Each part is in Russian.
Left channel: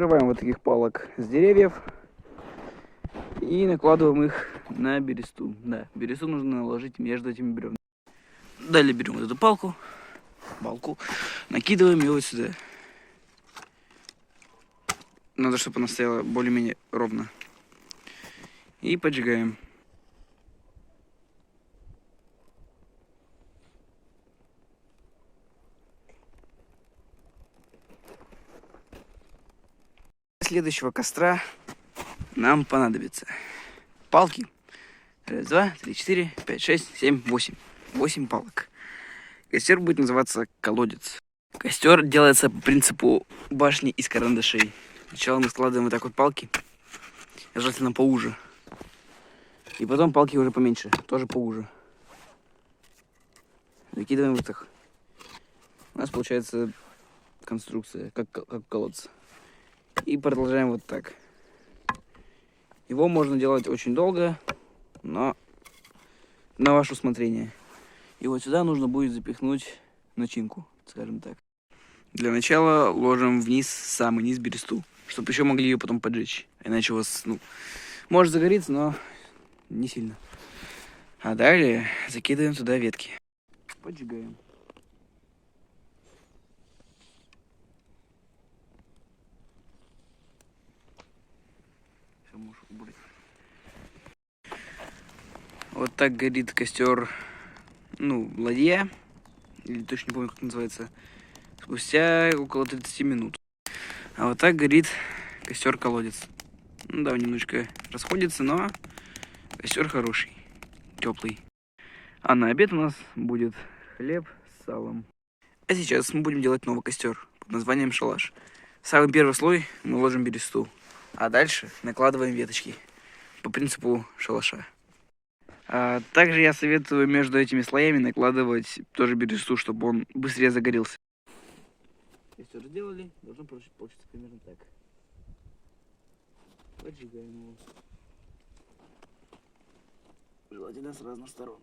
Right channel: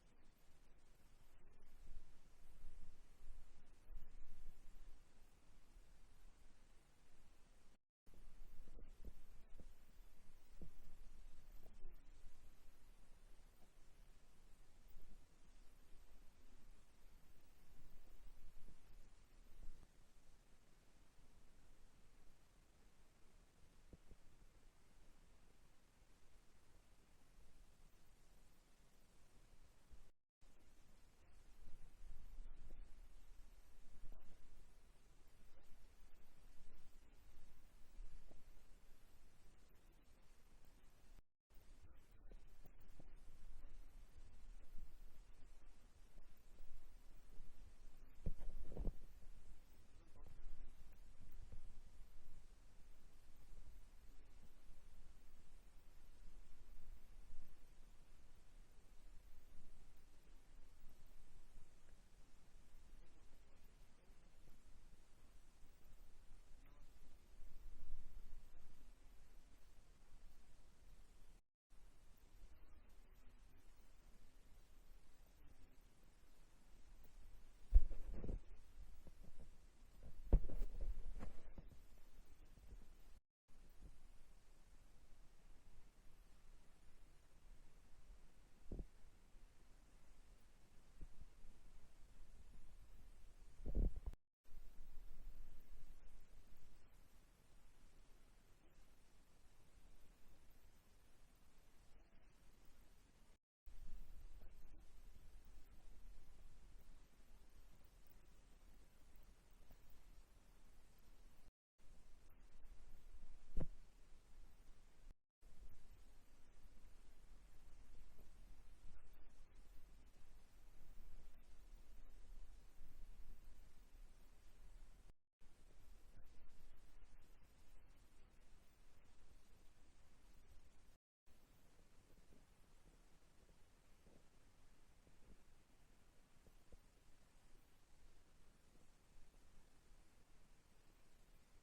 Нарываем вот таких палок с деревьев и накладываем их на бересту. Да, бересту нужно наложить между этими бревнами. Далее берем вот эту палку, накидываем ее вот сюда. Надо, чтобы она стояла более-менее ровно. И поджигаем. Для следующего костра нам понадобится палки. 1, 2, 3, 4, 5, 6, 7, 8. 8 палок. Костер будет называться колодец. Костер делается по принципу башни из карандашей. Сначала мы складываем вот так вот палки, желательно поуже. И потом палки уже поменьше, тоже поуже. Закидываем вот так. У нас получается конструкция, как колодец. И продолжаем вот так. Его можно делать очень долго, но на ваше усмотрение. И вот сюда нужно будет запихнуть начинку, скажем так. Для начала ложим вниз, самый низ бересту, чтобы еще могли ее потом поджечь. Иначе у вас, может загореться, но не сильно. А далее закидываем туда ветки. Поджигаем. Вот так горит костер, ладья, или точно не помню, как называется, спустя около 30 минут. А вот так горит костер-колодец. Да, немножечко расходится, но костер хороший, теплый. А на обед у нас будет хлеб с салом. А сейчас мы будем делать новый костер под названием шалаш. В самый первый слой мы ложим бересту, а дальше накладываем веточки по принципу шалаша. А также я советую между этими слоями накладывать тоже бересту, чтобы он быстрее загорелся. Костер сделали, должно получиться примерно так. Поджигаем его. Желательно с разных сторон.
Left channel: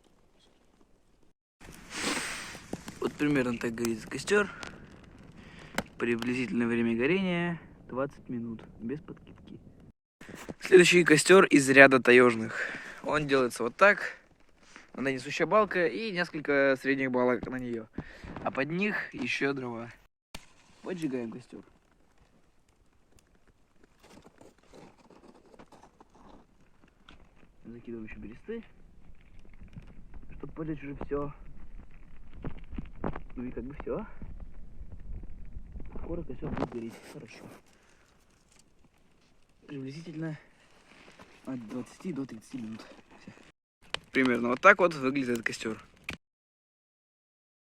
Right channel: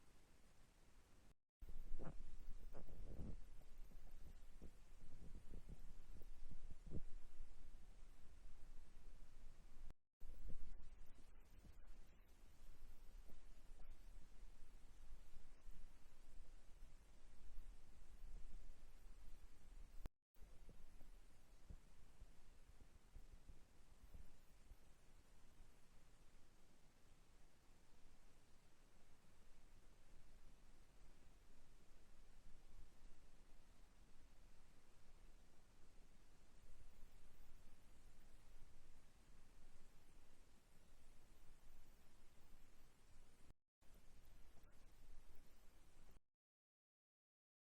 Вот примерно так горит костер. Приблизительное время горения 20 минут, без подкидки. Следующий костер из ряда таежных. Он делается вот так. На несущая балка и несколько средних балок на нее. А под них еще дрова. Поджигаем костер. Закидываем еще бересты, чтобы поджечь уже все. Ну и как бы все. Скоро костер будет гореть хорошо. Приблизительно от 20 до 30 минут. Примерно вот так вот выглядит этот костер.